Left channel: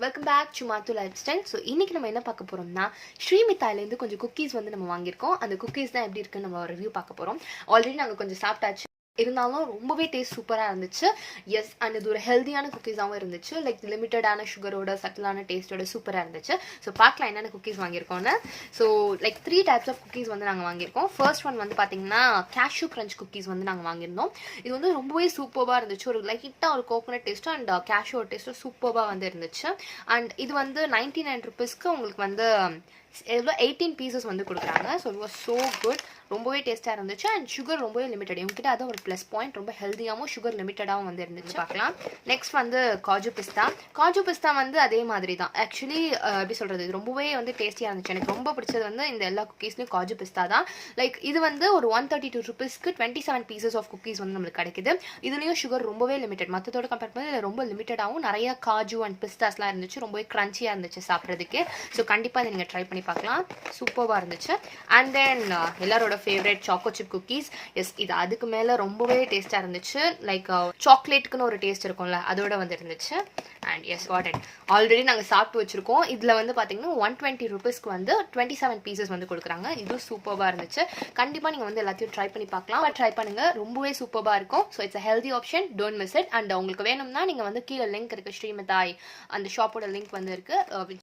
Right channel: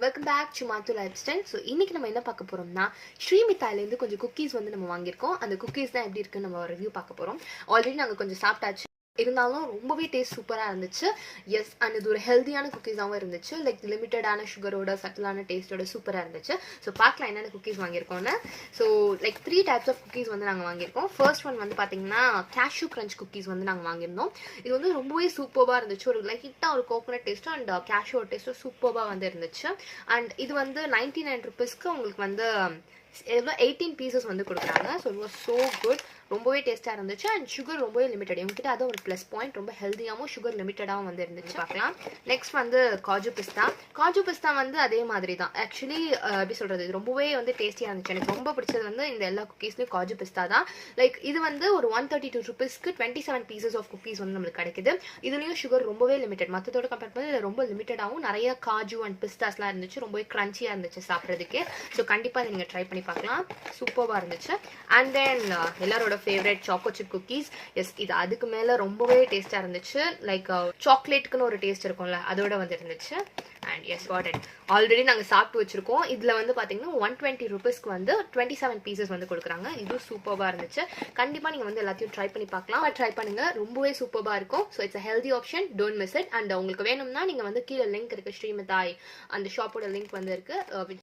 Welcome back to மாத்து life style. So இன்னைக்கு நம்ம என்ன பார்க்க போறோம்னா, ஸ்ரீமித்தாலேருந்து கொஞ்சம் குக்கீஸ் வந்து நம்ம வாங்கியிருக்கோம். அந்த குக்கீஸ் தான் எப்படி இருக்குன்னு நம்ம ரிவ்யூ பார்க்க போறோம். ஆல்ரெடி நாங்கள் கொஞ்சம் சாப்பிட்டாச்சு, இருந்தாலும் ரொம்பவே டேஸ்ட் சூப்பராக இருந்துச்சு. எஸ், அண்ட் இது ஒரு ஹெல்த்தியான குக்கீஸாகவும் இருந்துச்சு. லைக் லிமிட்டடான சுகரோட சட்டிலான டேஸ்ட்டோட சூப்பராக இருந்துச்சு. ஸோ பார்க்கலாம் என்னென்ன குக்கீஸ் வாங்கியிருக்கோன்னு. So like 3 types of cookies வந்து நாங்கள் வாங்கியிருக்கோம். ஃபர்ஸ்ட் ஒன் வந்து பார்த்தீங்கன்னா கேஷ்யூ கிரன்ச் குக்கீஸ் வந்து நாங்கள் வாங்கியிருந்தோம். இது வந்து ரொம்பவே சூப்பராக இருந்துச்சு. ஒரு லைட்டாக ஒரு கோகோனட் டேஸ்ட்டு அண்ட் கேஷ்யூ டேஸ்ட்டும் சூப்பராக வந்து இருந்துச்சு. அண்ட் இது வந்து 99 ருபீஸ்க்கு உங்களுக்கு வந்து எவ்வளோ 18 பீசஸ் வந்து கொடுக்குறாங்க. So it was so good. ரொம்பவே டேஸ்ட்டாக இருந்துச்சு. அண்ட் சுகர் ரொம்பவே லிமிட்டட். இவங்ககிட்ட அது ஒரு ப்ளஸ் பாயிண்ட். ரொம்ப ஹெல்த்தியாகவும் சுகர் லிமிட்டடாகவும் வந்து இருந்துச்சு. பார்க்கலாம். நெக்ஸ்ட் வந்து காஜு பிஸ்தா. காஜு பிஸ்தா வந்து அதே மாதிரி தான். ஆக்சுவலி எப்படி சொல்கிறது, இது ரொம்பவே வந்து டேஸ்டியாக இருந்துச்சு. எனக்கு ரொம்ப பிடிச்சது வந்து இந்த எல்லா குக்கீஸ்லேயும் காஜு பிஸ்தா தான். லைக் இது வந்து ஒரு 132 ருபீஸ்க்கு 27 பீசஸ் ஆஃப் குக்கீஸ் வந்து நம்மளுக்கு கிடைக்குது. இதுலேயும் சுகர் ரொம்பவே லிமிட்டட். மற்றதோட கம்பேர் பண்ணி ரொம்ப லிமிட்டடாகவும் நிறைய காஜு அண்ட் பிஸ்தாஸ்லாம் இருந்துச்சு. ரொம்பவே க்ரன்ச்சியாக இருந்துச்சு சாப்பிட்றதுக்கு. ஸோ கண்டிப்பாக இதை நீங்கள் ட்ரை பண்ணி பார்க்கலாம். சூப்பராக இருந்துச்சு. அண்ட் தென் எல்லாரோட favourite choco chip cookies. Yes, இது அதுக்கு மேலே ரொம்பவே டேஸ்ட்டாக இருந்துச்சு. லைக் சாக்லேட்டுக்குன்னு ஒரு டேஸ்ட் இருக்கும்ல, அதோட வந்து இருந்துச்சு. And yes got it. Already நாங்கள் சாப்பிட்டு வச்சுருக்கோம். இதில் வந்து பார்த்தீங்கன்னா 120 ருபீஸ்க்கு வந்து 27 பீசஸ் வந்து கொடுக்குறாங்க. இது சூப்பராக இருந்துச்சு. கண்டிப்பாக நீங்கள் வந்து எல்லாத்தையும் ட்ரை பண்ணி பார்க்கலாம். ட்ரை பண்ணுங்கள், ரொம்பவே சூப்பராக இருக்கும். So it's a healthy option, don't miss it. And உங்களுக்கு வேணும்னா நீங்கள் வந்து கீழே லிங்க் இருக்குது, ஸ்ரீமித்தாய் அந்த ஷாப்போட லிங்க் வந்து இருக்குது.